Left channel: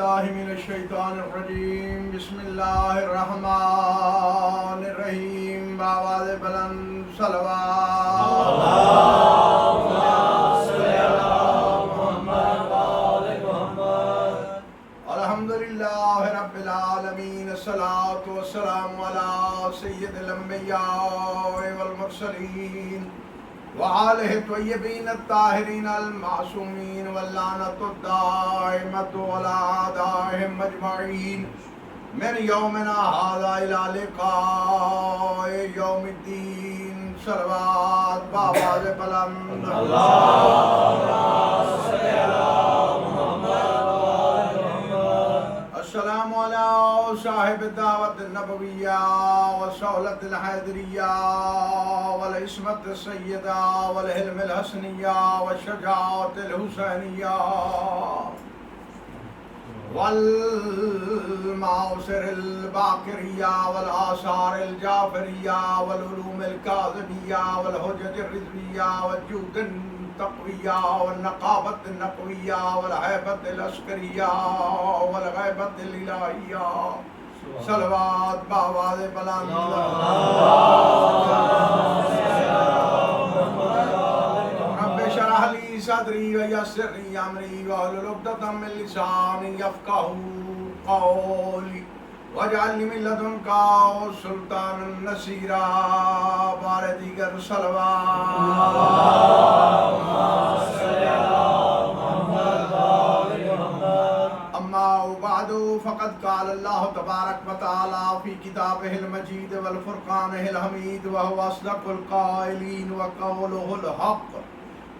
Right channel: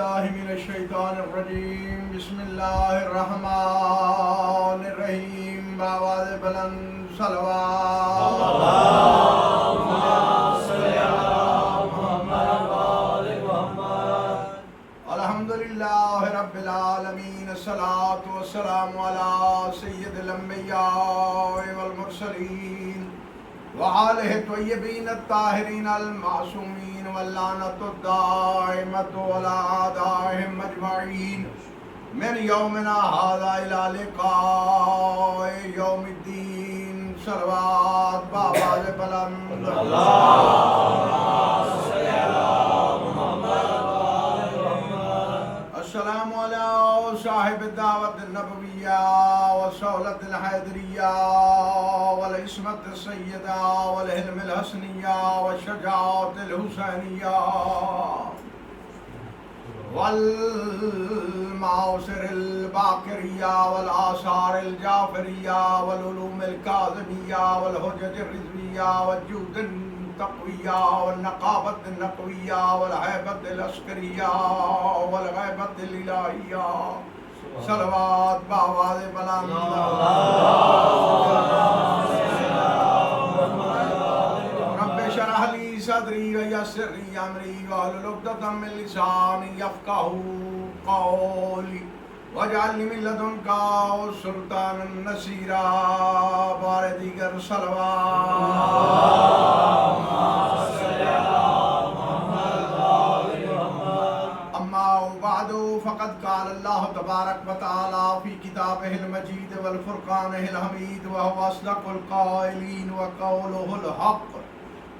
باللہ من الشیطان الرجیم بسم اللہ الرحمن الرحیم بآواز بلند صلوات اللہم صلی علی محمد وآل محمد الحمدللہ رب العالمین الصلاة والسلام علی سید الانبیاء والمرسلین وآلہ الطیبین الطاہرین المعصومین واللعنۃ الدائمۃ علی اعدائہم اجمعین من یومنا ھذا الی لقاء یوم الدین صلوات بآواز بلند السلام علی صاحب الدعوت النبویہ والصولۃ الحیدریہ والعصمت السیدہ والحلم الحسنیہ والشجاعت الحسینیہ والمعاصر الباقریہ والآثار الجعفریہ والعلوم الکاظمیہ والحجج الرضویہ والجود التقویہ والنقابت النقویہ والہیبت العسکریہ والغیبت الالہیہ صلوات بآواز بلند رب اشرح لی صدری ویسر لی امری واحلل عقدۃ من لسانی یفقہوا قولی واجعلنی من لدنک سلطانا نصیرا بار دیگر بعد فقد قال اللہ تبارک و تعالی فی کتابہ المجید والفرقانہ الحمید وهو اصدق القائلین وقولہ الحق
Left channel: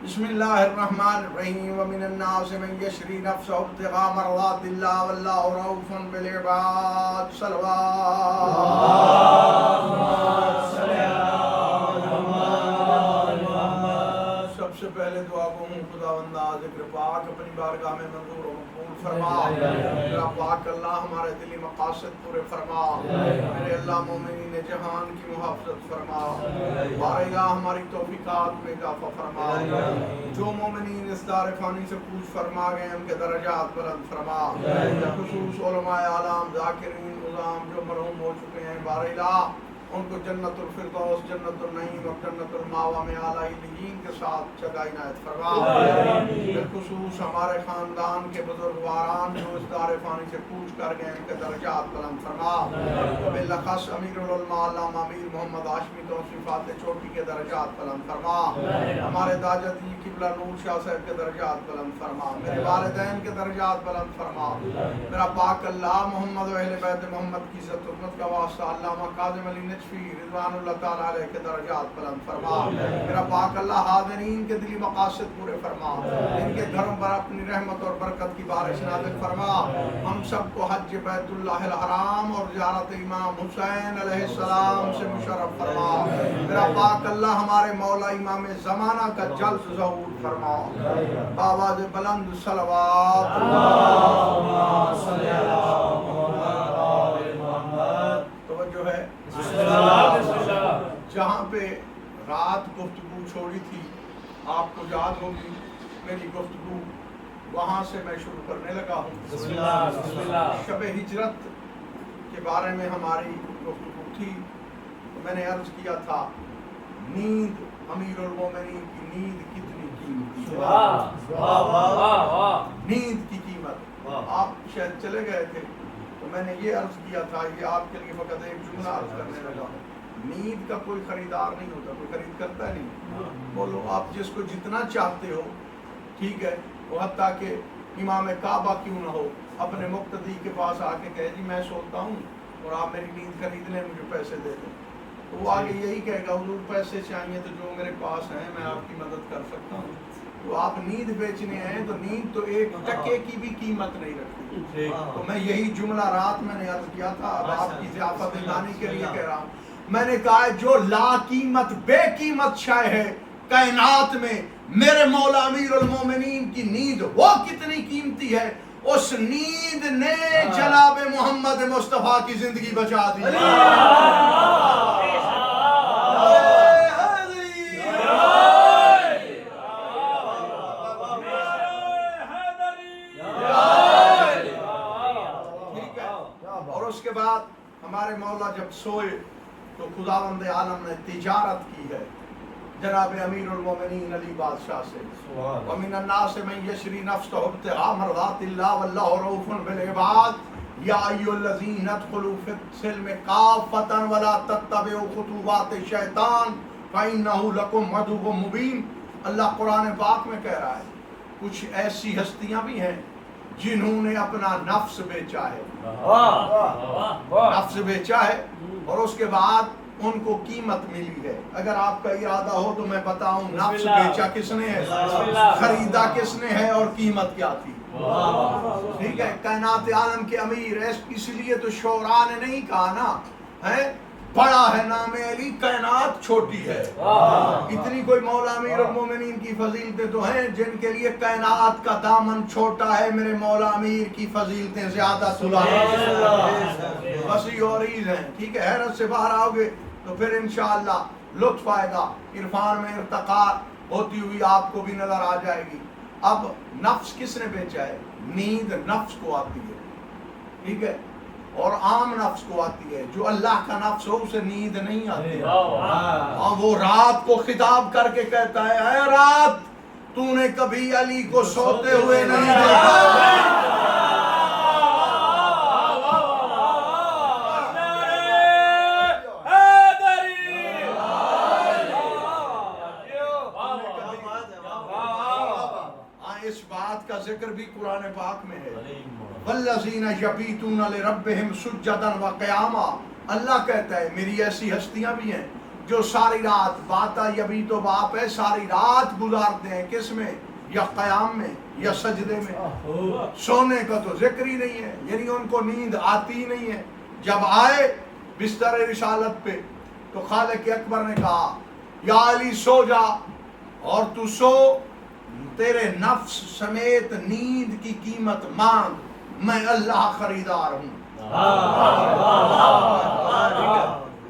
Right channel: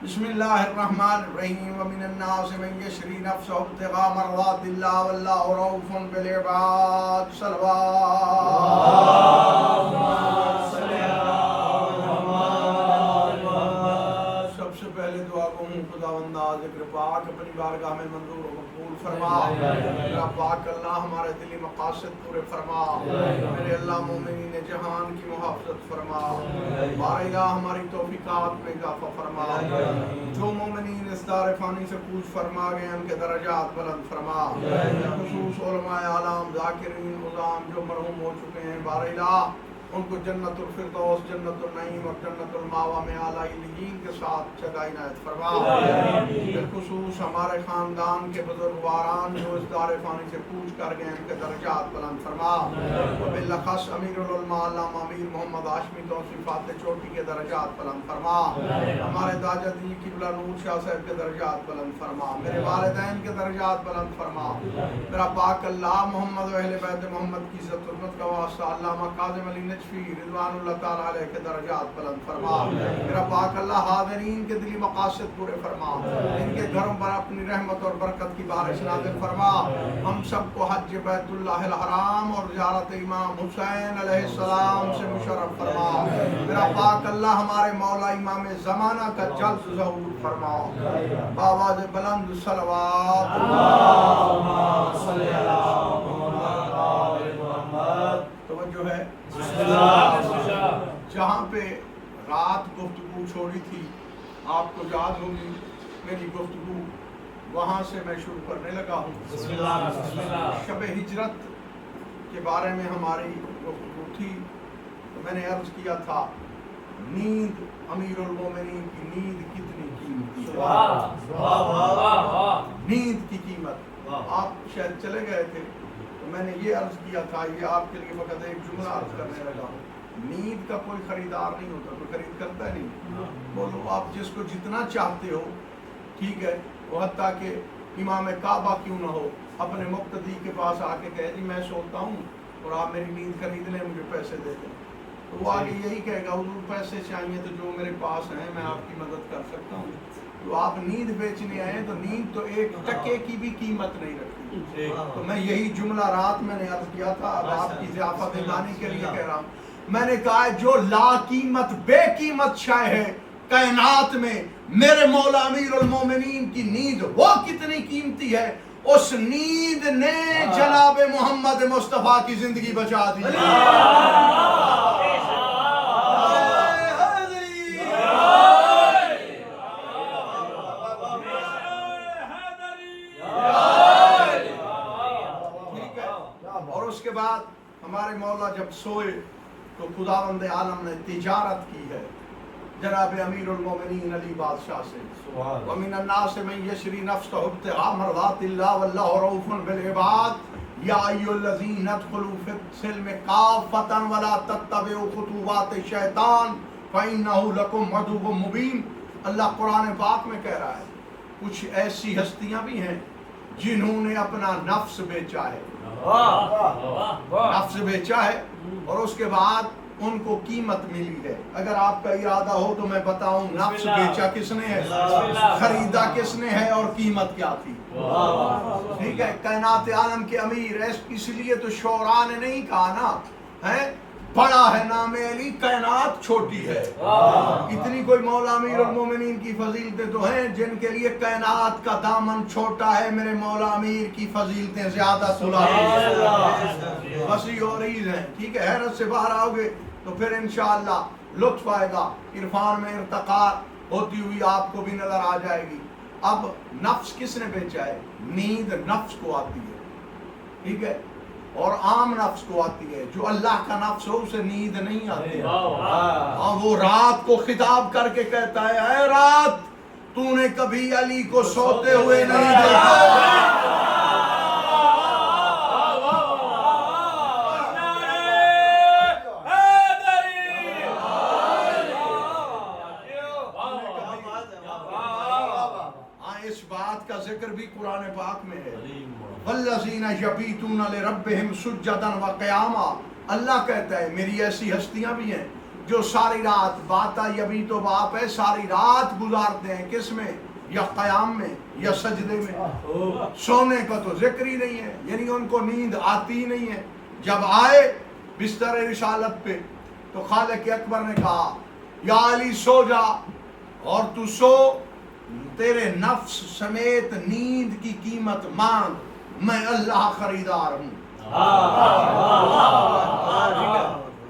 بسم اللہ الرحمن الرحیم ومن الناس من یشری نفسہ ابتغاء مرضات اللہ واللہ رؤوف بالعباد سب سے پہلے دعا کو ہوں خداوندہ ذکر پاک اپنی بارگاہ میں منظور و مقبول فرما میرا پاک اللہ ہمارے دلی مقاصد پورے فرما میرے اللہ مومنین جہان کی محافظت فرما بار الہ ہماری توفیقات میں اضافہ فرما جو مومنین اس دار فانی سے کوچ فرما گئے ان کے درجات بلند فرما خصوص علماء اعلام ذاکرین عظام جو مرحوم ہو چکے ہیں بار الہ ان کو جنت الفردوس جنت النعیم اور جنت الماوا میں اعلیٰ علیین کے ساتھ جگہ عنایت فرما بالخصوص ہمارے خاندان کے بزرگواران جو اس دار فانی سے کوچ کر گئے ان کے درجات بلند فرما وبالخص امیر العلماء علامہ امیر محمد ہاشمی توصیف فاتح چوٹی کے درجات بلند فرما ہمارے داجا دلی قبلہ نور شاہ صاحب کے درجات بلند فرما میرے والدین کے درجات بلند فرما میرا پاک اللہ محمد و اہل بیت محمد کی عزت حرمت کا واسطہ علامہ کاظم علی رضوان اللہ تعالیٰ علیہ کے درجات بلند فرما میرا پاک اللہ حاضرین کے دلی مقاصد پورے فرما ان کے گھروں پر اپنی رحمت اور برکت کی بارش نازل فرما ہم سب کو حج بیت اللہ الحرام اور زیارت امام حسین علیہ السلام سے مشرف فرما میرا پاک اللہ ہمارے مولا امام زمانہ کا جلد ظہور فرما بآواز بلند صلوات توجہ ہے جہاں پہ رات گفتگو چھوڑی تھی آپ کو یاد ہوگی میری گفتگو وہاں سے میں شروع کرنے لگا ہوں شب ہجرت کے بارے میں ہماری گفتگو تھی تو میں نے عرض کیا تھا نیند امیر المومنین کی نیند کتنی قیمتی نیند کی قیمت آپ شاید چلے گئے تھے تو میں نے یہ عرض کیا تھا یہ آپ کے لیے فقط ایک جملہ عرض کرنے لگا ہوں نیند کا کوئی خریدار نہیں ہوتا کوئی خرید کرتا ہے نہیں بولو آپ جس کو جتنا چاہتے ہو ٹھیک ہے وہ حتیٰ کہ امام کعبہ کیوں نہ ہو اپنے مقتدی کے پاس آ کے کہے جی میں سوتا ہوں اور آپ میری نیند خرید لیں مجھے پیسے دے دیں تو وہ آگے یہی کہے گا حضور پیسے چاہیے تو جو میرے پاس ہیں میں آپ کی مدد کر سکتا ہوں تو آپ نیند بیچنے آئے تو نیند تو ایک ٹکے کی بھی قیمت نہیں رکھتی تو میں یہی جملہ رات میں نے عرض کیا تھا اب آپ کی ضیافت دلانے کے لیے کہہ رہا ہوں میں نے کہا جو لا قیمت بے قیمت شے ہے کائنات میں میرے مولا امیر المومنین کی نیند وہ کتنی قیمتی ہے اس نیند نے جناب محمد مصطفیٰ کی زندگی بچا دی اور اس کے بعد ہمارے مولا جب سوئے تو خداوند عالم نے تجارت کی ہے جناب امیر المومنین علی بادشاہ سے. وَمِنَ النَّاسِ مَن يَشْرِي نَفْسَهُ ابْتِغَاءَ مَرْضَاتِ اللَّهِ وَاللَّهُ رَءُوفٌ بِالْعِبَادِ يَا أَيُّهَا الَّذِينَ ادْخُلُوا فِي السِّلْمِ كَافَّةً وَلَا تَتَّبِعُوا خُطُوَاتِ الشَّيْطَانِ فَإِنَّهُ لَكُمْ عَدُوٌّ مُّبِينٌ. اللہ قرآن پاک میں کہہ رہا ہے کچھ ایسی ہستیاں بھی ہیں جنہوں نے اپنا نفس بیچا ہے, نفس بیچا ہے اور اس کے بعد ان کو قیمت ملی ہے. اگر آپ کا ارادہ ہو تو میں بتاؤں نفس بیچا کس نے ہے, خریدا کس نے ہے اور قیمت کیا تھی. ٹھیک ہے, کائنات عالم کے امیر. اس لیے تو شعراء نے نہیں کہا نا ہے بڑا ہے نام علی کائنات چھوٹی ہے. اتنی کوئی مولا امیر المومنین کی فضیلتیں تو ہیں جن کے لیے کائنات کا دامن چھوٹا ہے, میرے مولا امیر کی فضیلتیں زیادہ وسیع و عریض ہیں. ٹھیک ہے, حیرت سے باہر آؤ گے تو پھر انشاءاللہ لطف آئے گا, عرفان میں ارتقاء ہوتی ہوئی آپ کو بھی نظر آ جائے گی. اب نفس کس نے بیچا ہے؟ نیند نفس کو آتی ہے, ٹھیک ہے, اور عام نفس کو آتی ہے. جو اللہ کا نفس ہو اسے نیند نہیں آتی. ہاں, وہ رات کو خطاب کر کے کہتا ہے اے رات تو نے کبھی علی کو سوتے ہوئے نہیں دیکھا. اس بات کا ذکر بھی قرآن پاک میں ہے, والذین یبیتون لربہم سجدا وقیاما. اللہ کہتا ہے میری ایسی ہستیاں بھی ہیں جو ساری رات, باتا یبیت و باپ ہے, ساری رات گزارتے ہیں کس میں, یا قیام میں یا سجدے میں. سونے کا تو ذکر ہی نہیں ہے, یعنی ان کو نیند آتی ہی نہیں ہے. جب آئے بستر رسالت پہ تو خالق اکبر نے کہا یا علی سو جا, اور تو سو, تیرے نفس سمیت نیند کی قیمت مانگ, میں اللہ خریدار ہوں.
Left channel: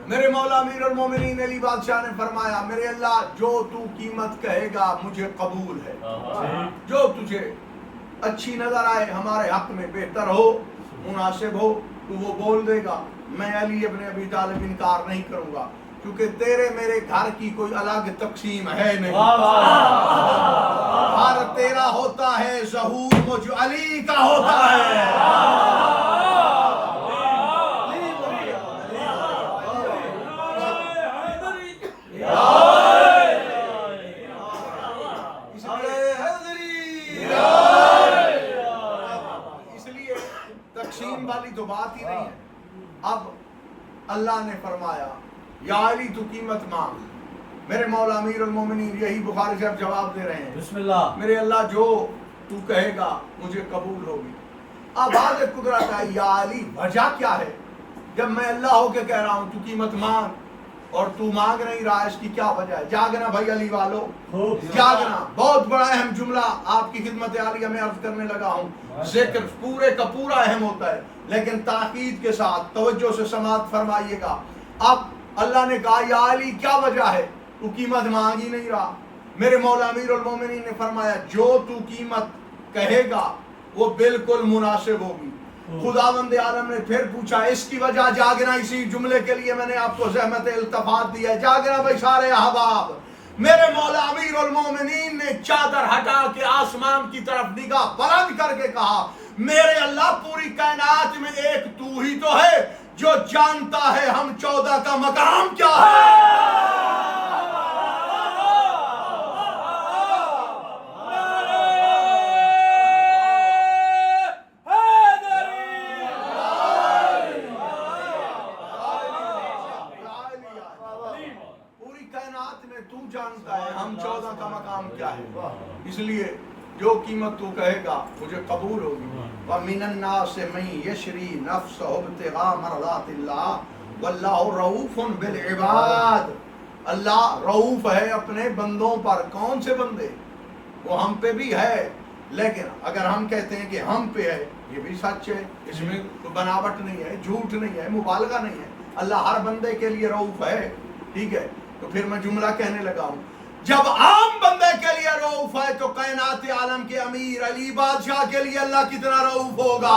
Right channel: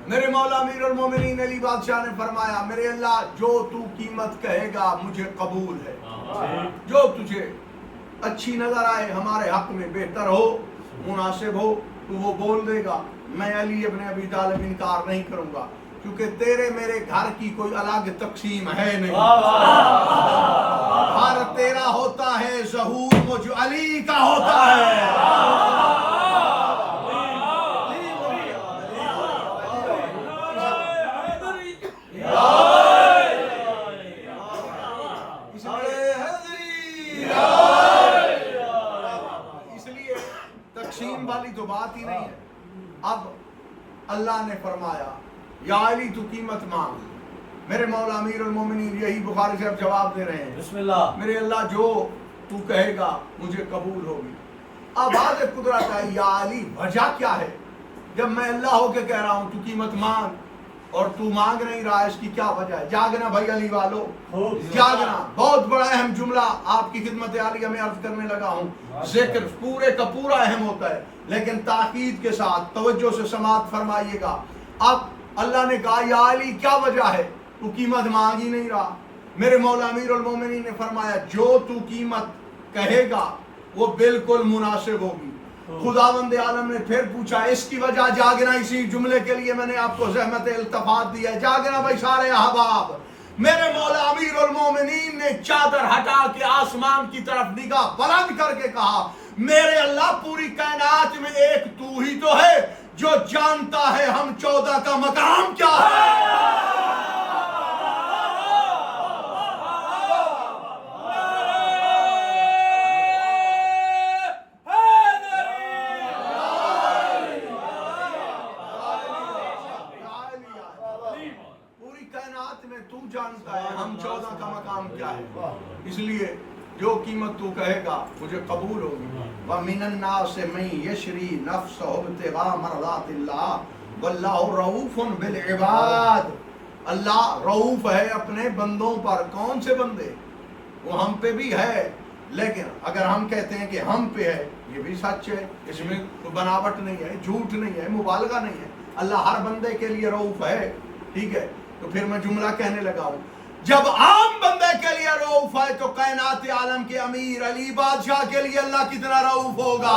میرے مولا امیر المومنین علی بادشاہ نے فرمایا میرے اللہ جو تو قیمت کہے گا مجھے قبول ہے, جو تجھے اچھی نظر آئے, ہمارے حق میں بہتر ہو, مناسب ہو, تو وہ بول دے گا. میں علی ابن ابی طالب انکار نہیں کروں گا, کیونکہ تیرے میرے گھر کی کوئی الگ تقسیم ہے نہیں. ہر تیرا ہوتا ہے ظہور مجھ علی کا ہوتا ہے. اس لیے تقسیم والی تو بات ہی نہیں ہے. اب اللہ نے فرمایا یا علی تو قیمت مانگ. میرے مولا امیر المومنین یہی بخاری سے اب جواب دے رہے ہیں, بسم اللہ, میرے اللہ جو تو کہے گا مجھے قبول ہوگی. اب آج قدرت ہے یا علی وجہ کیا ہے جب میں اللہ ہو کے کہہ رہا ہوں تو قیمت مانگ اور تو مانگ نہیں رہا, اس کی کیا وجہ ہے؟ جاگنا بھائی علی والو, جاگنا. بہت بڑا اہم جملہ آپ کی خدمت عالیہ میں عرض کرنے لگا ہوں. ذکر پورے کا پورا اہم ہوتا ہے لیکن تاکید کے ساتھ توجہ سے سماعت فرمائیے گا. اب اللہ نے کہا یا علی کیا وجہ ہے تو قیمت مانگ ہی نہیں رہا. میرے مولا امیر المومنین نے فرمایا جو تو قیمت کہے گا وہ بالکل مناسب ہوگی. خداوند عالم نے پھر پوچھا اس کی وجہ جاگنا. اسی جملے کے لیے میں نے آپ کو زحمت التفات دیا ہے. جاگنا بھائی سارے احباب. میرے مولا امیر المومنین نے چادر ہٹا کے آسمان کی طرف نگاہ بلند کر کے کہا میرے اللہ پوری کائنات میں ایک تو ہی تو ہے جو جانتا ہے ہم 14 کا مقام کیا ہے. میں تو جانتا ہے ہم 14 کا مقام کیا ہے. اس لیے جو قیمت تو کہے گا مجھے قبول ہوگی. وَمِنَ النَّاسِ مَن يَشْرِي نَفْسَهُ ابْتِغَاءَ مَرْضَاتِ اللَّهِ وَاللَّهُ رَءُوفٌ بِالْعِبَادِ. اللہ رؤوف ہے اپنے بندوں پر. کون سے بندے؟ وہ ہم پہ بھی ہے, لیکن اگر ہم کہتے ہیں کہ ہم پہ ہے یہ بھی سچ ہے, اس میں کوئی بناوٹ نہیں ہے, جھوٹ نہیں ہے, مبالغہ نہیں ہے. اللہ ہر بندے کے لیے رؤوف ہے. ٹھیک ہے, تو پھر میں جملہ کہنے لگا ہوں جب عام بندے کے لیے رؤوف ہے تو کائنات عالم کے امیر علی بادشاہ کے لیے اللہ کتنا رؤوف ہوگا.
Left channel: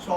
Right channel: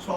100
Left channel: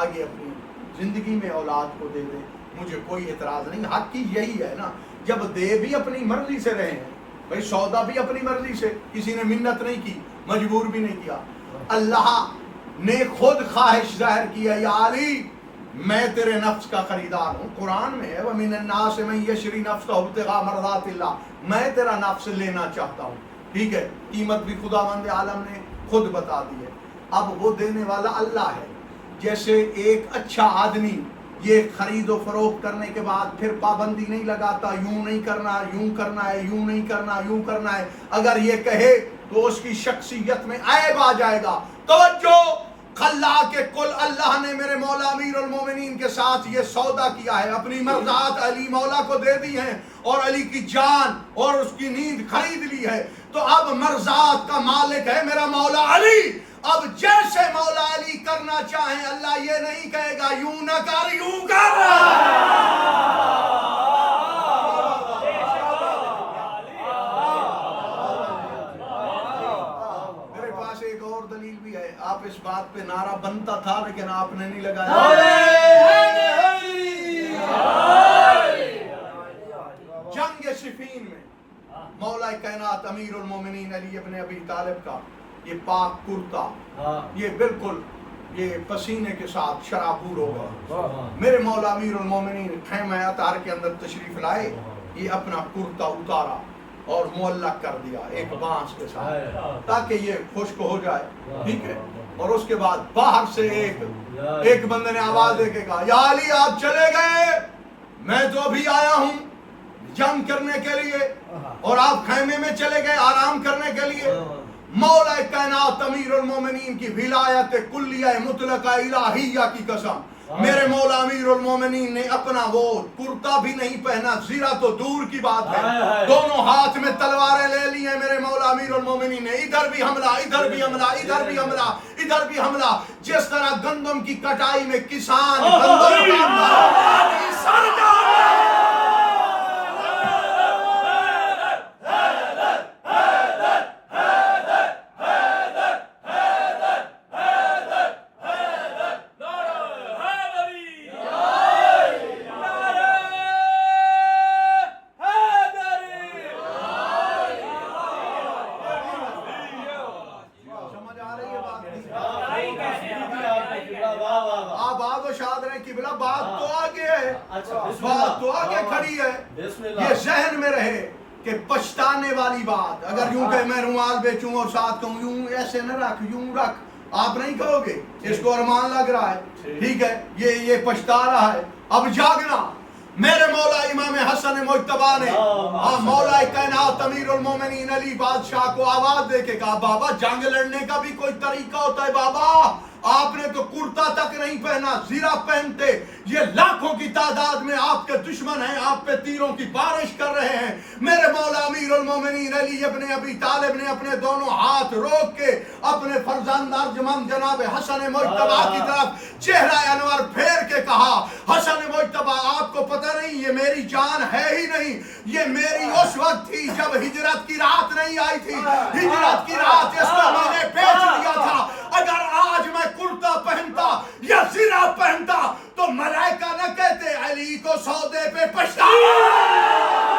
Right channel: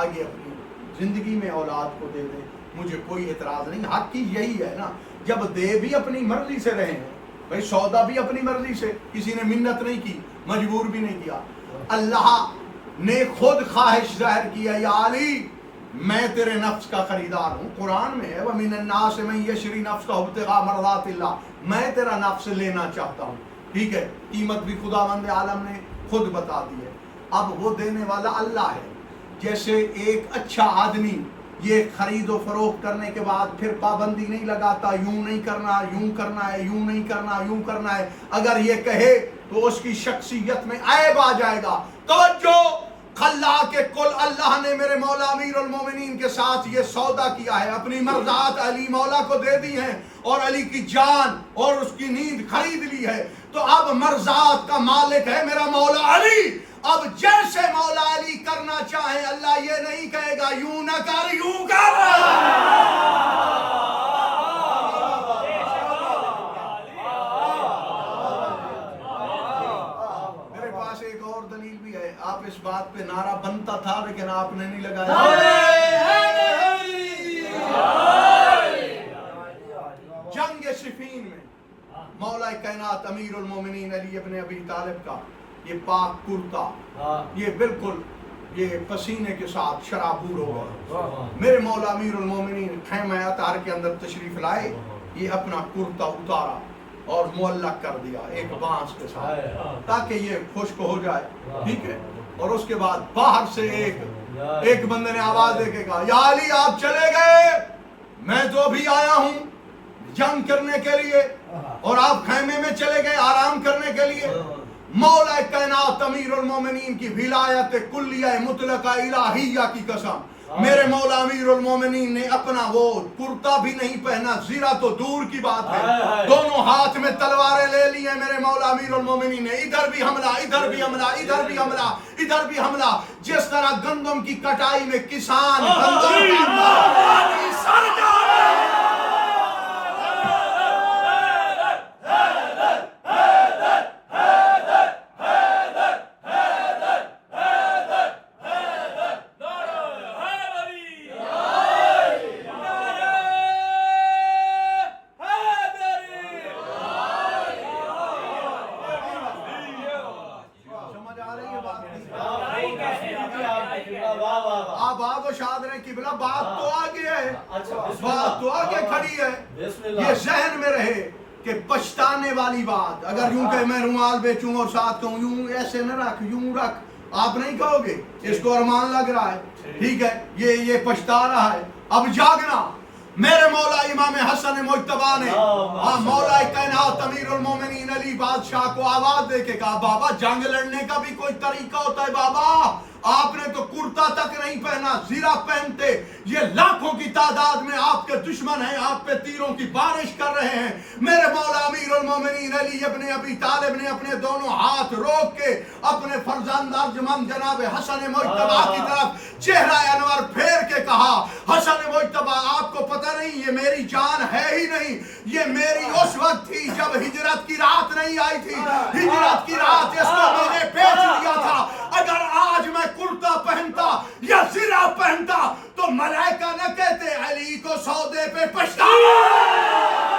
آگے اپنی زندگی میں اولاد کو دے دے، مجھے کوئی اعتراض نہیں. حق کی یہی ہے نا، جب دے بھی اپنی مرضی سے رہے ہیں بھائی، سودا بھی اپنی مرضی سے، کسی نے منت نہیں کی، مجبور بھی نہیں کیا. اللہ نے خود خواہش ظاہر کیا، یا علی میں تیرے نفس کا خریدار ہوں. قرآن میں ہے وَمِنَ النَّاسِ مَن يَشْرِي نَفْسَهُ ابْتِغَاءَ مَرْضَاتِ اللَّهِ، میں تیرا نفس لینا چاہتا ہوں. ٹھیک ہے، قیمت بھی خداوند عالم نے خود بتا دی ہے. اب وہ دینے والا اللہ ہے. جیسے ایک اچھا آدمی یہ خرید و فروخت کرنے کے بعد پھر پابندی نہیں لگاتا، یوں نہیں کرنا، یوں کرنا ہے، یوں نہیں کرنا، یوں کرنا ہے. اگر یہ کہے تو اس کی شخصیت میں عیب آ جائے گا. توجہ، خلا کے کل اللہ نے میرے مولا امیر المومنین کے ساتھ یہ سودا کیا ہے، اپنی مرضات علی مولا کو دے دی ہیں اور علی کی جان اور اس کی نیند خرید لی ہے. تو اب مرضات کا مالک ہے میرا مولا علی. اب جیسے مولا علی کرنا چاہیں، اللہ یہ نہیں کہے گا یوں نہ کر، یوں کر. میرے پاس ایک اور دلیل بھی ہے. آپ اس بات پہ نعرہ بنتا تھا لیکن آپ نے نہیں لگایا. جنگ صفین میں مولا کائنات امیر المومنین علی ابن ابی طالب کا یہ پاک کرتا، یہ بالکل یہ پسینے کے ساتھ شرابور ہو گیا. میرے مولا امیر المومنین خیمہ اطہار کے اندر تشریف لائے، یہ اپنا کرتا اتارا اور معلق کر دیا ایک بانس کے ساتھ تاکہ یہ خشک ہو جائے. ٹھیک ہے، اور اس کے بعد باہر سے ایک بندے نے آواز دے کے کہا، یا علی آپ چلے گئے، میں تو ابھی آیا ہوں جنگ کرنے کے لیے اور آپ خیمے میں چلے گئے آرام کرنے کے لیے. مولا کائنات امیر المومنین کی ولایت کلیہ مطلقہ الہیہ کی قسم، میرے مولا امیر المومنین نے اپنا وہ کرتا بھی نہیں پہنا، زیرہ تو دور کی بات ہے، دونوں ہاتھ میں تلواریں لے لی ہیں. میرے مولا امیر المومنین نے ادھر بھی حملہ، ادھر بھی حملہ، ادھر بھی حملہ، ادھر بھی حملہ. جس طرح گندم کی کٹائی میں کسان گندم بات تو آگے کھڑی ہے. یہ ذہن میں رہے کہ پچھتانے والی بات، اگر یوں کہ میں رومال بیچوں اور ساتھ کہوں یوں ایسے نہ رکھ، یوں رکھ، آپ نہیں کہو گے اس کو ارمان لگ رہا ہے. ٹھیک ہے، یہ پچھتا رہا ہے. اب جاگنا. میرے مولا امام حسن مجتبیٰ نے مولا کائنات امیر المومنین علی بادشاہ کو آواز دے کے کہا، بابا جنگ لڑنے کا بھی کوئی طریقہ ہوتا ہے. بابا آپ نے تو کرتا تک نہیں پہنا، زیرہ پہنتے. یہ لاکھوں کی تعداد میں آپ کے دشمن ہیں، آپ پہ تیروں کی بارش کر رہے ہیں. میرے مولا امیر المومنین علی ابن ابی طالب نے اپنے دونوں ہاتھ روک کے اپنے فرزند ارجمند جناب حسن مجتبیٰ کی طرف چہرہ انور پھیر کے کہا، حسن مجتبیٰ آپ کو پتہ نہیں یہ میری جان ہے ہی نہیں، یہ میری اس وقت تھی جب ہجرت کی رات نہیں آئی تھی. ہجرت کی رات اس کو میں نے بیچ دیا تھا. اگر آج میں کرتا پہنتا یا زرہ پہنتا تو ملائکہ نہ کہتے علی کو سودے پہ پچھتاوا.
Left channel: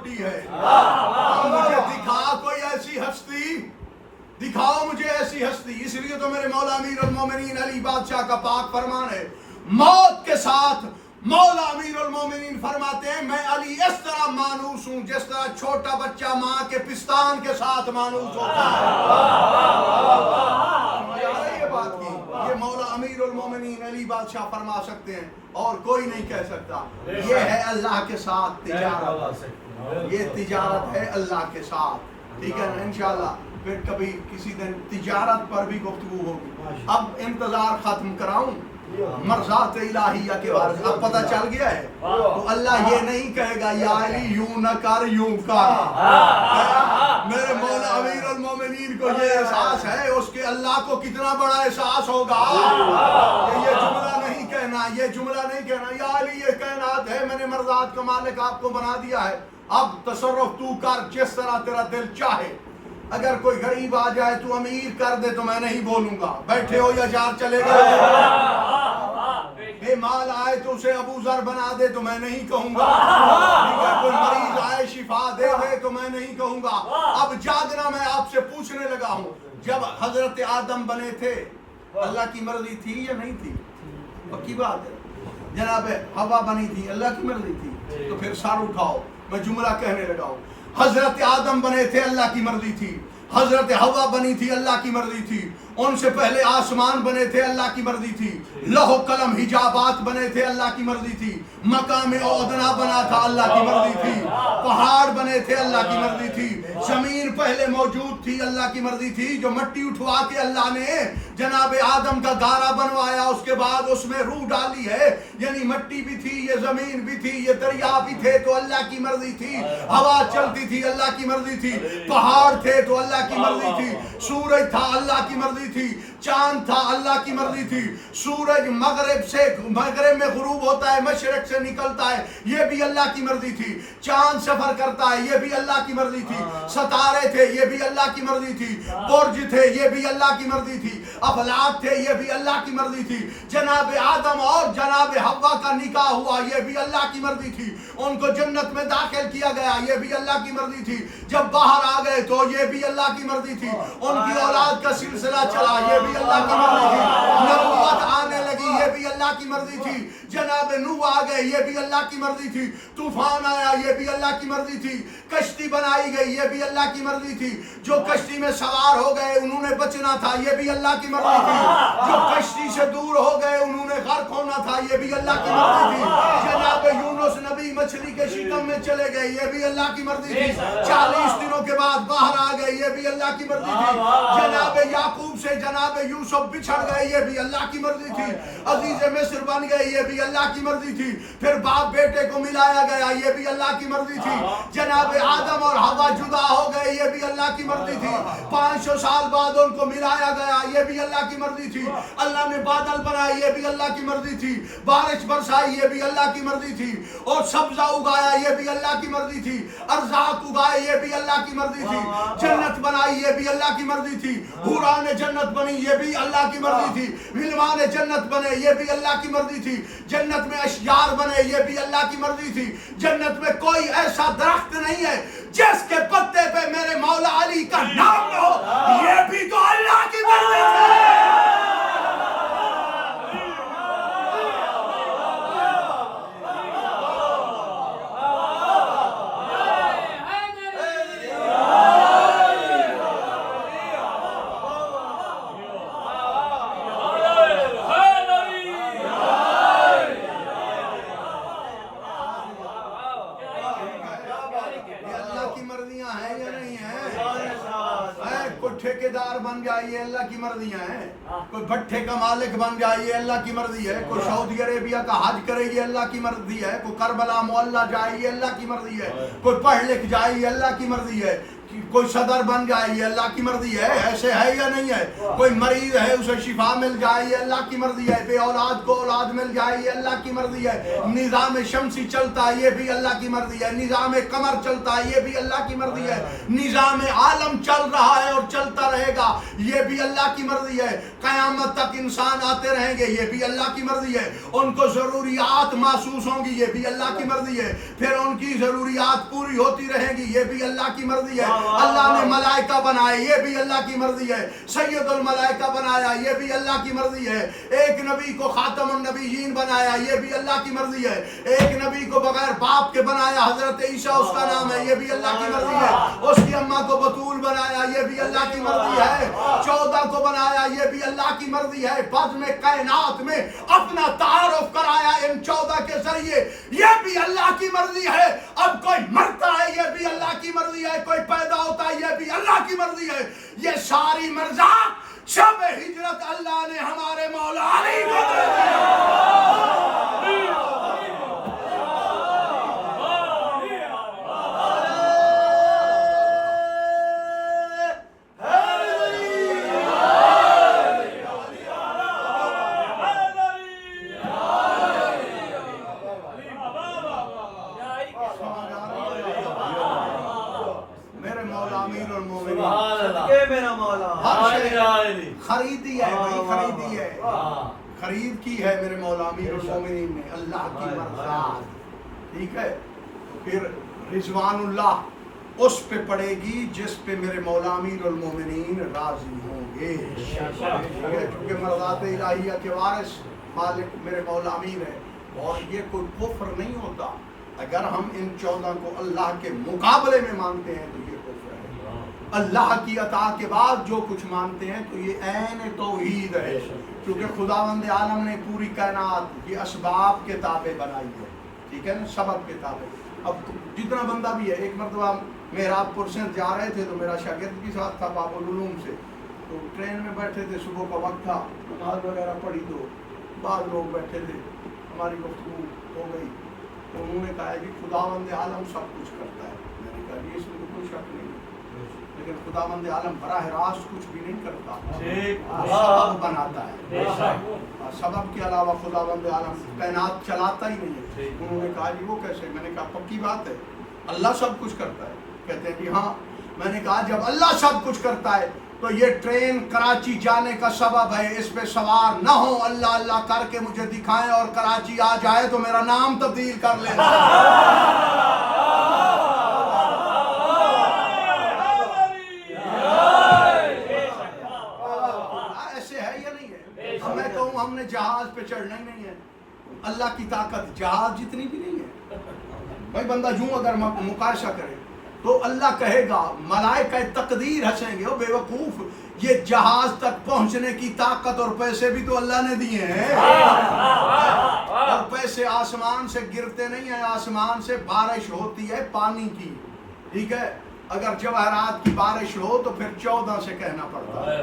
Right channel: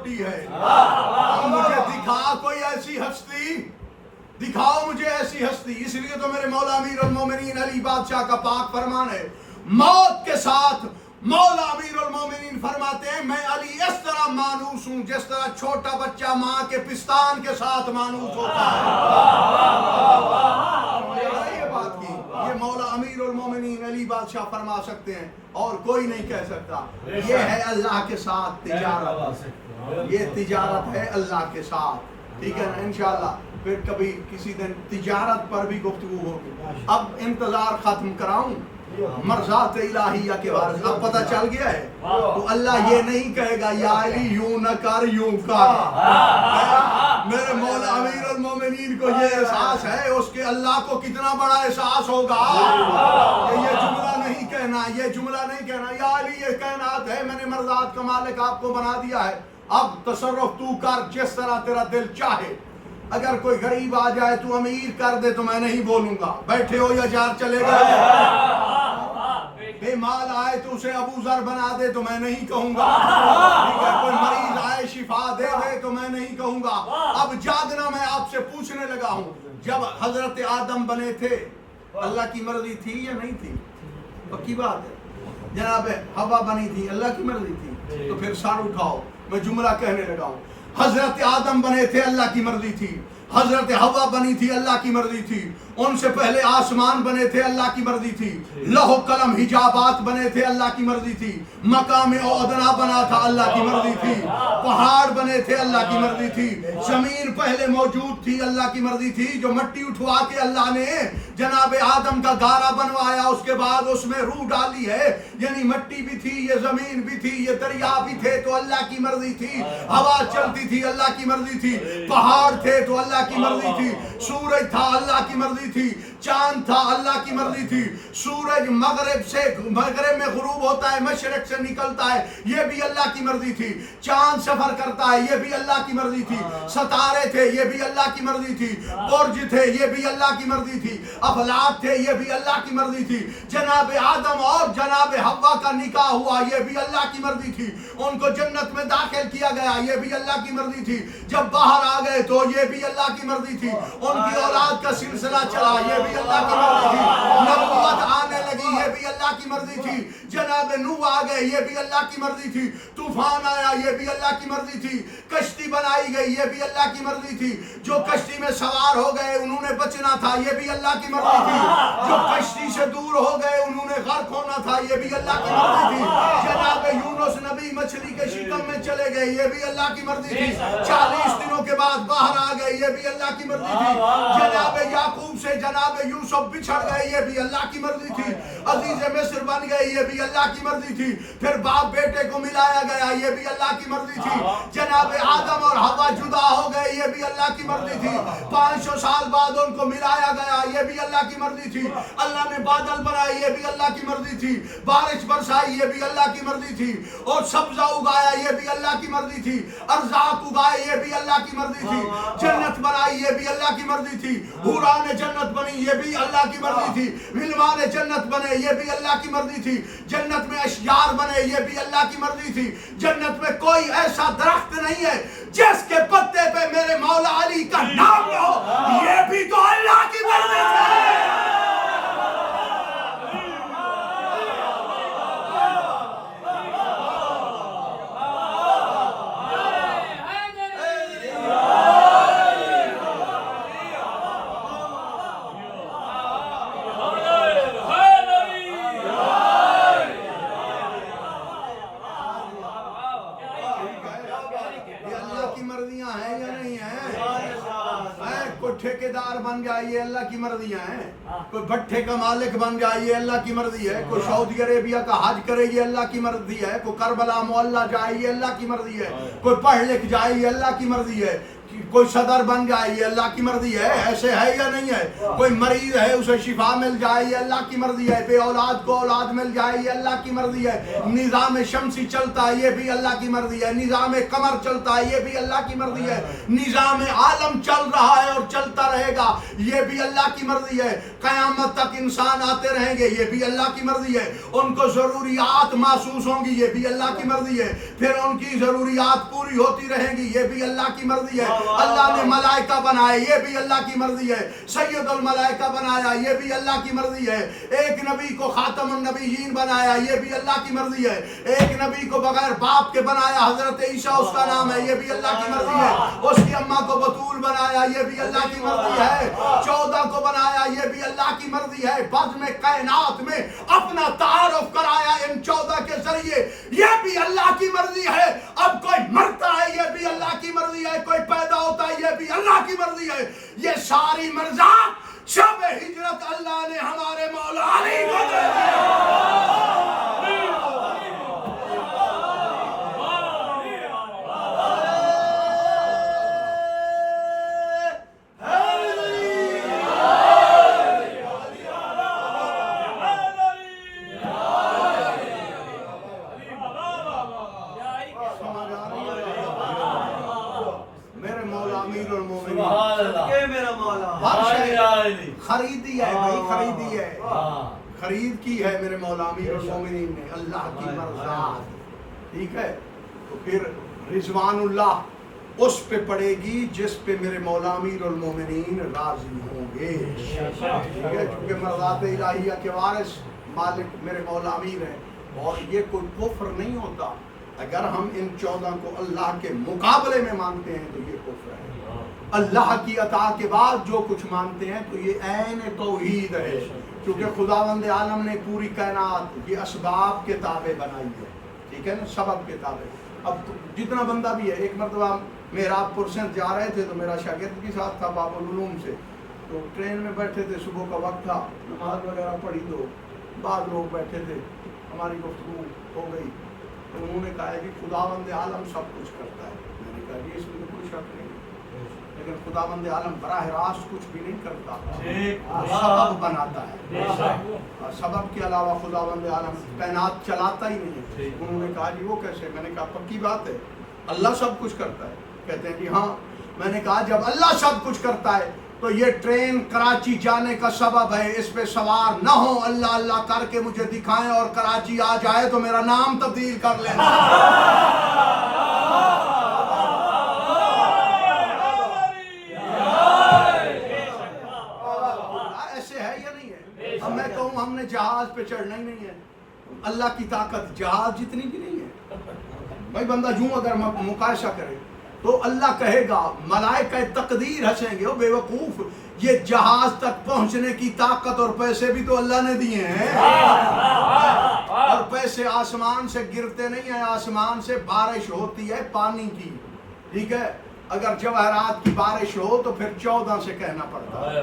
چھوٹی ہے. مجھے دکھا کوئی ایسی ہستی, دکھاؤ مجھے ایسی ہستی. اس لیے تو میرے مولا امیر المومنین علی بادشاہ کا پاک فرمان ہے, موت کے ساتھ مولا امیر المومنین فرماتے ہیں میں علی اس طرح مانوس ہوں جس طرح چھوٹا بچہ ماں کے پستان کے ساتھ مانوس ہوتا ہے. یہ بات کی, یہ مولا امیر المومنین علی بادشاہ فرما سکتے ہیں اور کوئی نہیں کہہ سکتا. یہ ہے اللہ کے ساتھ تجارت, یہ تجارت ہے اللہ کے ساتھ. ٹھیک ہے نا, انشاءاللہ پھر کبھی کسی دن تجارت پر بھی گفتگو ہوگی. اب انتظار ختم کراؤں مرضات الہیہ کے بارے میں. اب پتہ چل گیا ہے تو اللہ یہ نہیں کہے گا یا علی یوں نہ کر یوں کر. میرے مولا امیر المومنین کو یہ احساس ہے, اس کے اللہ کو کتنا بڑا احساس ہوگا. یہ جملہ نہیں کہنا, یہ جملہ نہیں کہنا یا علی یہ کائنات ہے, میں نے مرضات کا مالک آپ کو بنا دیا ہے, اب تصرف تو کر جس طرح تیرا دل چاہے. اگر کوئی غریب آ جائے تو امیر کر دے تو میں نہیں بولوں گا, بیٹھے ہو یا جار چلے گا. بے مال آئے تو اسے ابو ذر بنا دے تو میں نہیں کہوں گا. کوئی مریض آئے شفا دے دے تو میں نہیں کہوں گا. اب جاگنا میں آپ سے پوچھنے لگا ہوں, جب حضرت آدم بنے تھے اللہ کی مرضی تھی یا نہیں تھی؟ پکی بات ہے. جناب حوا بنی تھی اللہ کی مرضی تھی؟ تو پھر سر اٹھاؤ, میں جملہ کہنے لگا ہوں. حضرت آدم بنے تھے اللہ کی مرضی تھی, حضرت حوا بنی تھی اللہ کی مرضی تھی, ان سے پہلے آسمان بنے تھے اللہ کی مرضی تھی, لوح قلم حجابات بنے تھے اللہ کی مرضی تھی, مقام ادنا بنا تھا اللہ کی مرضی تھی, پہاڑ بنے تھے اللہ کی مرضی تھی, زمین پہلے موجود تھی اللہ کی مرضی تھی. جو مٹی اٹھوا کے اللہ نے جناب آدم کا گارا بنوایا اس کے بعد اس میں روح ڈالی ہے, یعنی مٹی بھی تھی, یہ زمین بھی تھی, یہ دریا بھی تھے تو اللہ کی مرضی تھی, ہوا چلتی تھی اللہ کی مرضی تھی, پہاڑ تھے تو اللہ کی مرضی تھی, سورج تھا اللہ کی مرضی تھی, چاند تھا اللہ کی مرضی تھی. سورج مغرب میں غروب ہوتا ہے, مشرق سے نکلتا ہے, یہ بھی اللہ کی مرضی تھی. چاند سفر کرتا ہے, یہ بھی اللہ کی مرضی تھی. ستارے تھے, یہ بھی اللہ کی مرضی تھی. برج تھے, یہ بھی اللہ کی مرضی تھی. افلاک تھے, یہ بھی اللہ کی مرضی تھی. جناب آدم اور جناب حوا کا نکاح ہوا, یہ بھی اللہ کی مرضی تھی. ان کو جنت میں داخل کیا گیا, یہ بھی اللہ کی مرضی تھی. جب باہر آ گئے تو یہ بھی اللہ کی مرضی تھی. ان کی اولاد کا سلسلہ چلا, یہ بھی اللہ کی مرضی تھی. نبوت آنے لگی, یہ بھی اللہ کی مرضی تھی. جناب نوح آ گئے, یہ بھی اللہ کی مرضی تھی. طوفان آیا, یہ بھی اللہ کی مرضی تھی. کشتی بنائی گئی, یہ بھی اللہ کی مرضی تھی. جو کشتی میں سوار ہو گئے انہوں نے بچنا تھا, یہ بھی اللہ کی مرضی تھی. جو کشتی سے دور ہو گئے انہوں نے غرق ہونا تھا, یہ بھی اللہ کی مرضی تھی. جناب یونس نبی مچھلی کے شکم میں چلے گئے, یہ بھی اللہ کی مرضی تھی. 40 دنوں کے بعد باہر آ گئے, یہ بھی اللہ کی مرضی تھی. جناب یعقوب سے جناب یوسف بچھڑ گئے, یہ بھی اللہ کی مرضی تھی. عزیز مصر بن گئے, یہ بھی اللہ کی مرضی تھی. پھر باپ بیٹے کو ملایا گیا, یہ بھی اللہ کی مرضی تھی. جناب آدم اور حوا جدا ہو گئے, یہ بھی اللہ کی مرضی تھی. 500 سال بعد ان کو ملایا گیا, یہ بھی اللہ کی مرضی تھی. اللہ نے بادل بنائے, یہ بھی اللہ کی مرضی تھی. بارش برسائی, یہ بھی اللہ کی مرضی تھی. اور سبزہ اگایا, یہ بھی اللہ کی مرضی تھی. ارزاق اگائے, یہ بھی اللہ کی مرضی تھی. جنت بنائی, یہ بھی اللہ کی مرضی تھی. حوران جنت بنی, یہ بھی اللہ کی مرضی تھی. غلمان جنت بنے, یہ بھی اللہ کی مرضی تھی. جنت میں اشجار بنے, یہ بھی اللہ کی مرضی تھی. جنت میں کوئی ایسا درخت نہیں ہے جس کے پتے پہ میرے مولا علی کا نام نہ ہو, یہ بھی تو اللہ کی مرضی تھی. ٹھیکیدار بن جائے, یہ اللہ کی مرضیاں ہیں. کوئی بھٹے کا مالک بن جائے, یہ اللہ کی مرضی ہے. کوئی سعودی عربیہ کا حج کرے, یہ اللہ کی مرضی ہے. کوئی کربلا معلیٰ جائے, یہ اللہ کی مرضی ہے. کوئی پڑھ لکھ جائے, یہ اللہ کی مرضی ہے. کوئی صدر بن جائے, یہ اللہ کی مرضی ہے. ایسے ہے یا نہیں ہے؟ کوئی مریض ہے اسے شفا مل جائے, یہ اللہ کی مرضی ہے. بے اولاد کو اولاد مل جائے, یہ اللہ کی مرضی ہے. نظام شمسی چلتا ہے, یہ بھی اللہ کی مرضی ہے. نظام قمر چلتا ہے, یہ بھی اللہ کی مرضی ہے. نظام عالم چل رہا ہے اور چلتا رہے رہے گا یہ بھی اللہ کی مرضی ہے. قیامت تک انسان آتے رہیں گے یہ بھی اللہ کی مرضی ہے. ان کو ضروریات محسوس ہوں گی یہ بھی اللہ کی مرضی ہے. پھر ان کی ضروریات پوری ہوتی رہیں گی یہ بھی اللہ کی مرضی ہے. اللہ نے ملائکہ بنائے یہ بھی اللہ کی مرضی ہے. سید الملائکہ بنایا یہ بھی اللہ کی مرضی ہے. ایک نبی کو خاتم النبیین بنایا یہ بھی اللہ کی مرضی ہے. ایک نبی کو بغیر باپ کے بنایا حضرت عیسیٰ اس کا نام ہے یہ بھی اللہ کی مرضی ہے. اس کی اماں کو بطول بنایا یہ بھی اللہ کی مرضی ہے. 14 کو بنایا یہ بھی اللہ کی مرضی ہے. بزم کائنات میں اپنا تعارف کرایا ان 14 کے ذریعے یہ بھی اللہ کی مرضی ہے. اب کوئی مرتا ہے یہ بھی اللہ کی مرضی ہے. کوئی پیدا ہوتا ہے یہ بھی اللہ کی مرضی ہے. یہ ساری مرضات شب ہجرت اللہ نے ہمارے مولا علی کو دے دیا. خریدی ہے بھائی خریدی ہے خرید کی ہے میرے مولا امیر المومنین نے اللہ کی مرضات. ٹھیک ہے تو پھر رضوان اللہ اس پہ پڑے گی جس پہ میرے مولا امیر المومنین راضی ہوں گے. ٹھیک ہے چونکہ مرضات الہیہ کے وارث مالک میرے مولا امیر ہے اور یہ کوئی کفر نہیں ہوتا. اگر ہم ان 14 کو اللہ کے مقابلے میں مانتے ہیں تو یہ کفر ہے. اللہ کی عطا کے بعد جو کچھ مانتے ہیں تو یہ عین توحید ہے. کیونکہ خداوند عالم نے پوری کائنات یہ اسباب کے تابع بنائی ہے. ٹھیک ہے نا سبب کے تابع. اب جتنا بندہ بھی ہے ایک مرتبہ محراب پور سے جا رہے تھے تو میرا شاگرد بھی ساتھ تھا باب العلوم سے. تو ٹرین میں بیٹھے تھے صبح کا وقت تھا نماز وغیرہ پڑھی تو بعض لوگ بیٹھے تھے ہماری گفتگو ہو گئی تو انہوں نے کہا کہ خداوند عالم سب کچھ کرتا ہے. میں نے کہا کہ اس میں تو کوئی شک نہیں لیکن خداوند عالم براہ راست کچھ بھی نہیں کرتا سبب بناتا ہے. سبب کے علاوہ خداوند عالم کائنات چلاتا ہی نہیں ہے. انہوں نے کہا جی وہ کیسے؟ میں نے کہا پکی بات ہے اللہ سب کچھ کرتا ہے. کہتے ہیں جی ہاں. میں نے کہا جب اللہ سب کچھ کرتا ہے تو یہ ٹرین کراچی جانے کا سبب ہے. اس پہ سوار نہ ہو اللہ اللہ کر کے مجھے دکھائیں اور کراچی آ جائے تو میرا نام تبدیل کر لینا. اب میں کہوں ہم نے جہاز پہ چڑھنا ہی نہیں ہے. اللہ کی طاقت جہاز جتنی بھی نہیں ہے. بھائی بندہ یوں اگر مقایسہ کرے تو اللہ کہے گا ملائکہ تقدیر ہنسیں گے او بے وقوف یہ جہاز تک پہنچنے کی طاقت اور پیسے بھی تو اللہ نے دیے ہیں. اور پیسے آسمان سے گرتے نہیں ہیں. آسمان سے بارش ہوتی ہے پانی کی. ٹھیک ہے اگر جواہرات کی بارش ہو تو پھر 14 سے کہنا پڑتا ہے.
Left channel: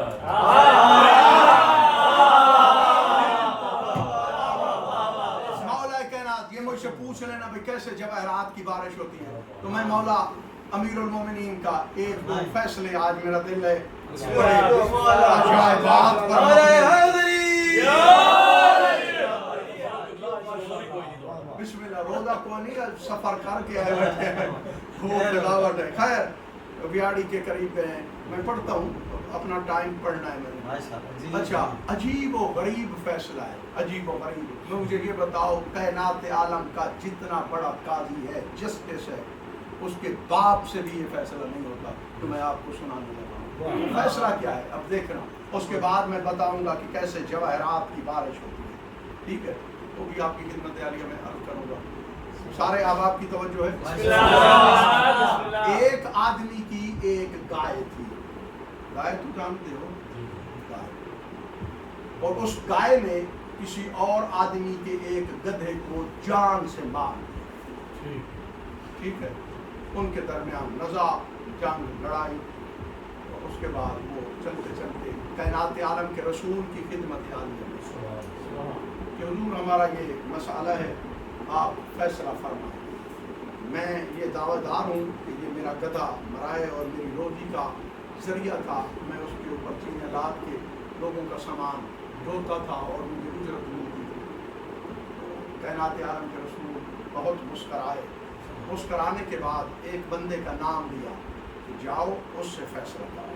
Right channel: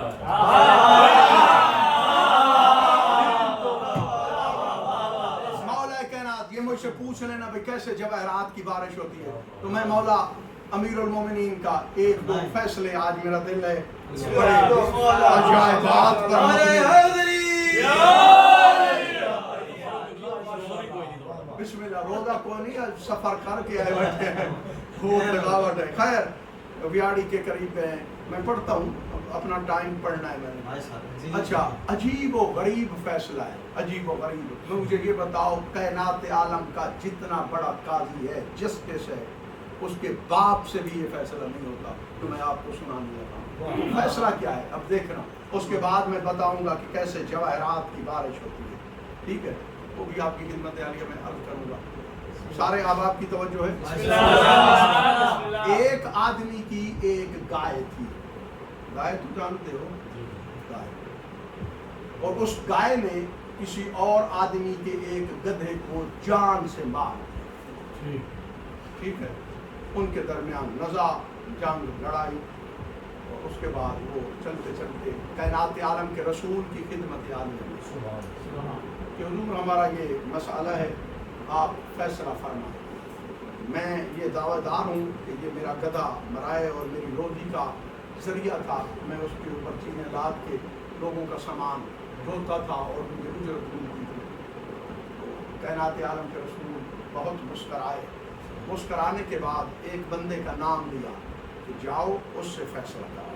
مولا کائنات یہ مجھ سے پوچھ لینا بھائی کیسے جواہرات کی بارش ہوتی ہے تو میں مولا امیر المومنین کا ایک دو فیصلے آج میرا دل ہے بڑے عجائبات پر بسم اللہ. روزہ کو نہیں سفر کر کے آئے بیٹھے ہیں خوب لگاوٹ ہے. خیر ویاڑی کے قریب ہیں میں پڑھتا ہوں اپنا ٹائم پڑھنا ہے میں نے. اچھا عجیب و غریب فیصلہ ہے. عجیب و غریب. میں مجھے یہ بتاؤ کائنات عالم کا جتنا بڑا قاضی ہے جسٹس ہے اس کے باپ سے بھی یہ فیصلہ نہیں ہوتا. تو میں آپ کو سنانے لگا ہوں فیصلہ کیا ہے. اب دیکھنا اس کے بعد میں بتاؤں گا کہ کیسے جواہرات کی بارش ہوتی ہے. ٹھیک ہے وہ بھی آپ کی خدمت عالیہ میں عرض کروں گا. سارے احباب کی توجہ ہے. ایک آدمی کی ایک گائے تھی. گائے تو جانتے ہو گائے. اور اس گائے نے کسی اور آدمی کے ایک گدھے کو جان سے مار. ٹھیک ہے ان کے درمیان نزاع جنگ لڑائی. اور اس کے بعد وہ چلتے چلتے کائنات عالم کے رسول کی خدمت عالیہ میں کہ حضور ہمارا یہ مسئلہ ہے آپ فیصلہ فرمائیں. میں یہ دعویٰ دار ہوں کہ یہ میرا گدھا مرائے اور میری روزی کا ذریعہ تھا. میں اس کے اوپر چیزیں لاد کے لوگوں کا سامان ڈھوتا تھا اور مجھے اجرت ملتی تھی. کائنات عالم کے رسول بہت مسکرائے. مسکرانے کے بعد ایک بندے کا نام لیا کہ جاؤ اس سے فیصلہ کرو.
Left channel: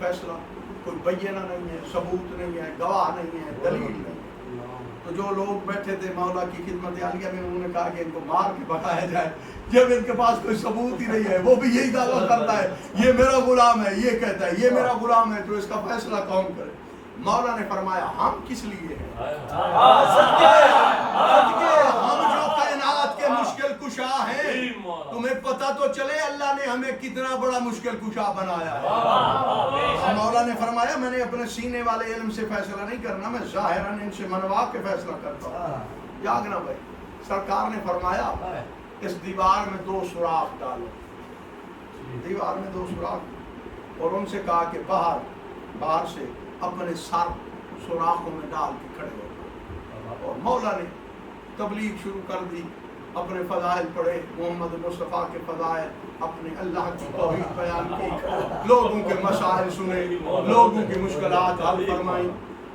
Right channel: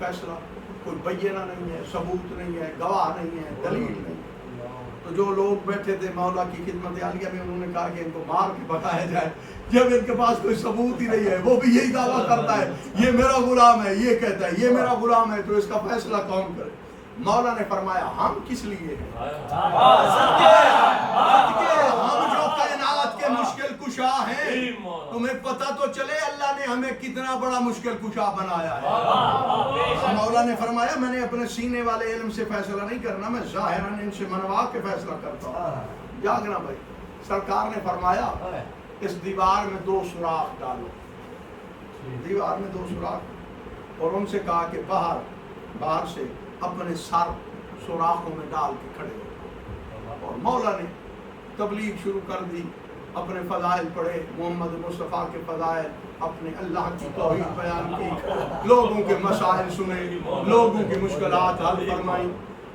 فیصلہ کوئی بینہ نہیں ہے، ثبوت نہیں ہے، گواہ نہیں ہے، دلیل نہیں ہے۔ تو جو لوگ بیٹھے تھے مولا کی خدمت عالیہ میں، انہوں نے کہا کہ ان کو مار کے بھگایا جائے، جب ان کے پاس کوئی ثبوت ہی نہیں ہے، وہ بھی یہی دعویٰ کرتا ہے یہ میرا غلام ہے، یہ کہتا ہے یہ میرا غلام ہے، تو اس کا فیصلہ کون کرے؟ مولا نے فرمایا ہم کس لیے ہیں؟ ہم جو کائنات کے مشکل کشا ہیں، تمہیں پتہ تو چلے اللہ نے ہمیں کتنا بڑا مشکل کشا بنایا ہے۔ مولا نے فرمایا میں نے اپنے سینے والے علم سے فیصلہ نہیں کرنا، میں ظاہراً ان سے منوا کے فیصلہ کرتا ہوں۔ جاگنا بھائی، سرکار نے فرمایا اس دیوار میں 2 سوراخ ڈالو، دیوار میں 2 سوراخ، اور ان سے کہا کہ باہر سے اپنے سر سوراخوں میں ڈال کے کھڑے ہو۔ اور مولا نے تبلیغ شروع کر دی، اپنے فضائل پڑھے، محمد مصطفیٰ کے فضائل، اپنے اللہ کی توحید بیان کی، لوگوں کے مسائل سنے، لوگوں کی مشکلات حل فرمائی۔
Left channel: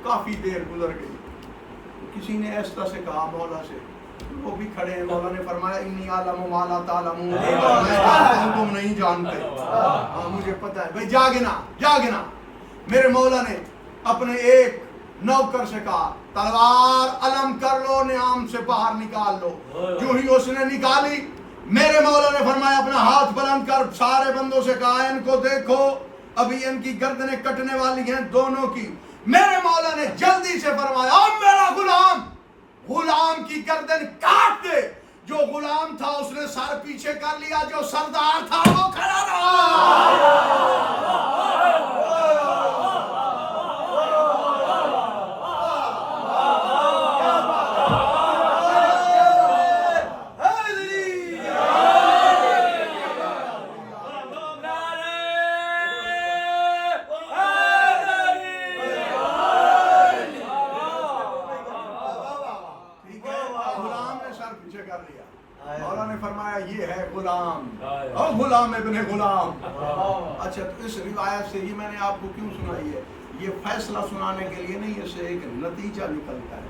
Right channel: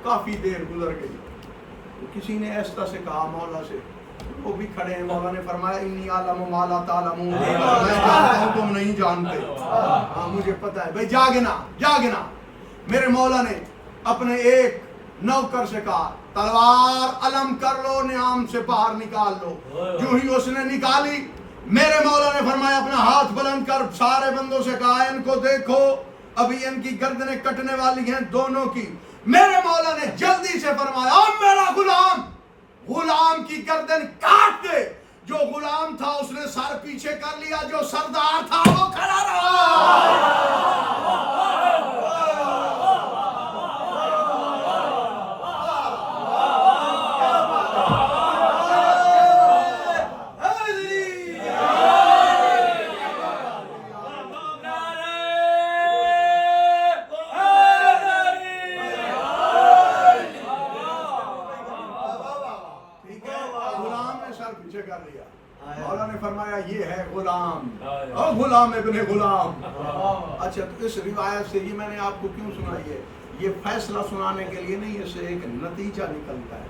کافی دیر گزر گئی، کسی نے ایسا سے کہا مولا سے، وہ بھی کھڑے ہیں، مولا نے فرمایا انی اعلم ما لا تعلمون، میں جانتا ہوں تم نہیں جانتے، ہاں مجھے پتہ ہے۔ بھئی جاگنا۔ میرے مولا نے اپنے ایک نوکر سے کہا تلوار علم کر لو، نیام سے باہر نکال لو۔ جو ہی اس نے نکالی، میرے مولا نے فرمایا اپنا ہاتھ بلند کر سارے بندوں سے کہا ان کو دیکھو، ابھی ان کی گردنیں کٹنے والی ہیں دونوں کی۔ میرے مولا نے جلدی سے فرمایا اب میرا غلام کی گردن کاٹ دے۔ جو غلام تھا اس نے سر پیچھے کر لیا، جو سردار تھا وہ کھڑا رہا۔ مولا نے فرمایا یہ ہے غلام، اور غلام ابن غلام۔ اچھا، تو اس روایت سے یہ میں نے آپ کو کیوں سنائی ہے؟ یہ فیصلہ سنانے کے لیے نہیں، اس سے ایک نتیجہ نکلتا ہے،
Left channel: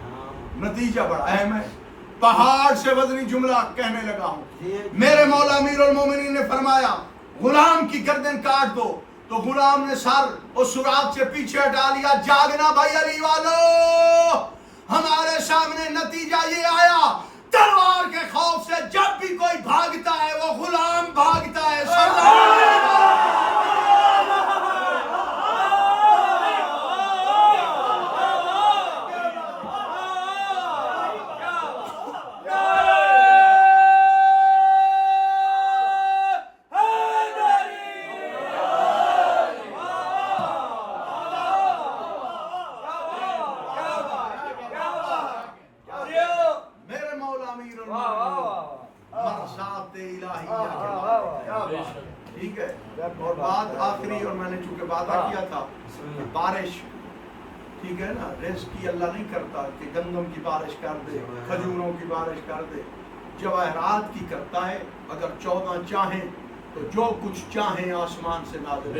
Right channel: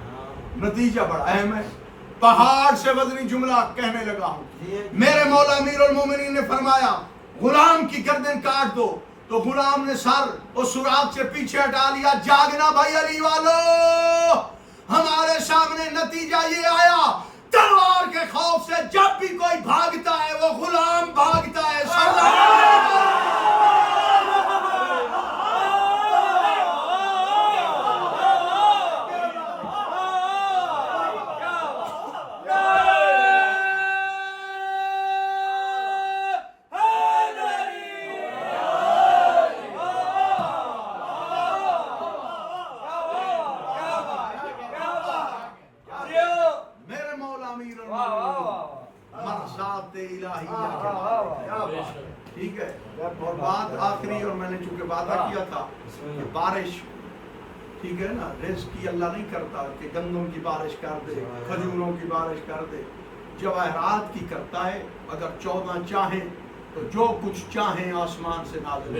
نتیجہ بڑا اہم ہے۔ پہاڑ سے وزنی جملہ کہنے لگا ہوں۔ میرے مولا امیر المومنین نے فرمایا غلام کی گردن کاٹ دو، تو غلام نے سر اور سراغ سے پیچھے ہٹا لیا۔ جاگنا بھائی علی والو، ہمارے سامنے نتیجہ یہ آیا، تلوار کے خوف سے جب بھی کوئی بھاگتا ہے وہ غلام بھاگتا ہے۔ ٹھیک ہے، اور بات آخری، اور میں نے چونکہ وعدہ کیا تھا کہ بارش، ٹھیک ہے نا، رزق کی اللہ نہیں کرتا کہ گندم کی بارش کر دے، کھجوروں کی بارش کر دے، جواہرات کی کرتا ہے۔ اگر 14 چاہیں تو جو کچھ چاہیں آسمان سے نازل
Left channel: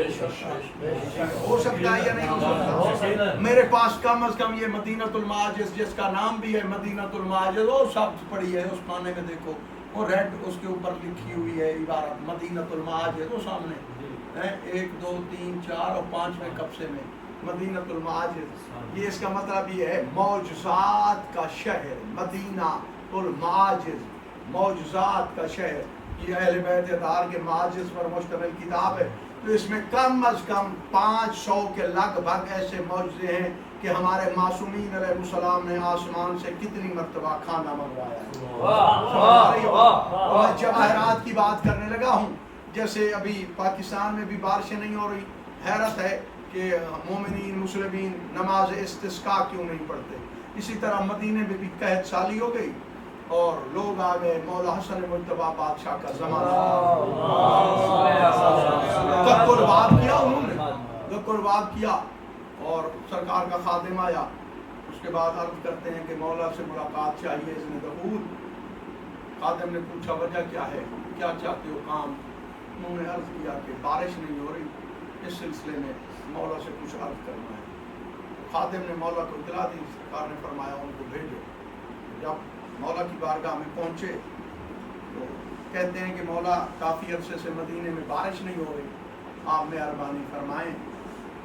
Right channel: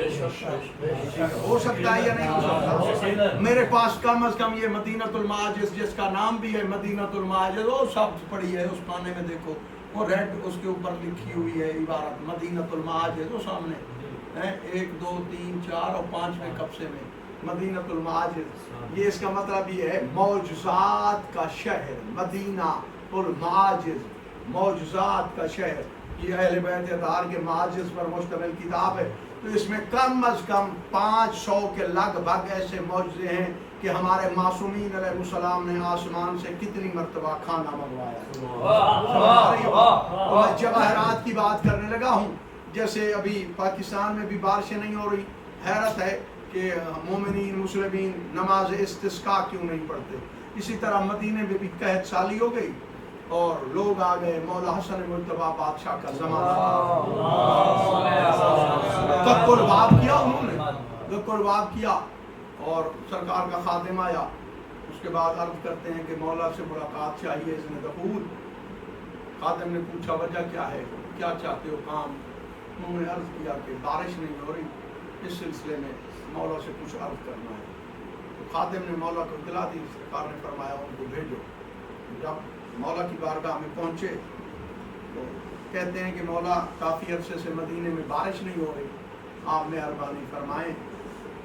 ہو سکتا ہے یا نہیں ہو سکتا۔ میرے پاس کم از کم یہ مدینۃ المعاجز، جس کا نام بھی ہے مدینۃ المعاجز، وہ سب پڑھی ہے، اس پانے میں دیکھو وہ ریڈ اس کے اوپر لکھی ہوئی ہے عبارت مدینۃ المعاجز، وہ سامنے 1 2 3 4 اور 5ویں قبضے میں مدینۃ المعاجز۔ یہ اس کا مطلب یہ ہے معجزات کا شہر، مدینہ المعاجز، معجزات کا شہر۔ یہ اہل بیت اطہار کے معاجز پر مشتمل کتاب ہے، تو اس میں کم از کم 500 کے لگ بھگ ایسے معجزے ہیں کہ ہمارے معصومین علیہ السلام نے آسمان سے کتنی مرتبہ کھانا منگوایا ہے۔ میں جواہرات کی بات کرنے لگا ہوں، جیسے ابھی پاکستان میں بھی بارشیں نہیں ہو رہی، حیرت ہے کہ مومنین مسلمین نماز استسقاء کیوں نہیں پڑھتے۔ اسی طرح مدینے میں بھی قحط سالی ہو گئی اور لوگ آ گئے، مولا حسن مجتبیٰ بادشاہ کا زمانہ، تک قربات کیا انہوں نے، تک قربات کیا، اور سرکار کا خادم آیا، اس کے بعد عرض کرتے ہیں کہ مولا سے ملاقات چاہیے، اس نے دخول۔ خادم نے پوچھا وجہ کیا ہے، کیا چاہتے ہو کام؟ انہوں نے عرض کیا کہ بارش نہیں ہو رہی، اس سلسلے میں مولا سے کچھ عرض کرنا ہے۔ خادم نے مولا کو اطلاع دی، سرکار نے فرمایا ان کو بھیجو۔ جب مولا کی بارگاہ میں پہنچے تو کہتے ہیں کہ مولا کافی عرصے سے مدینے میں بارش نہیں ہو رہی، آپ مہربانی فرمائیں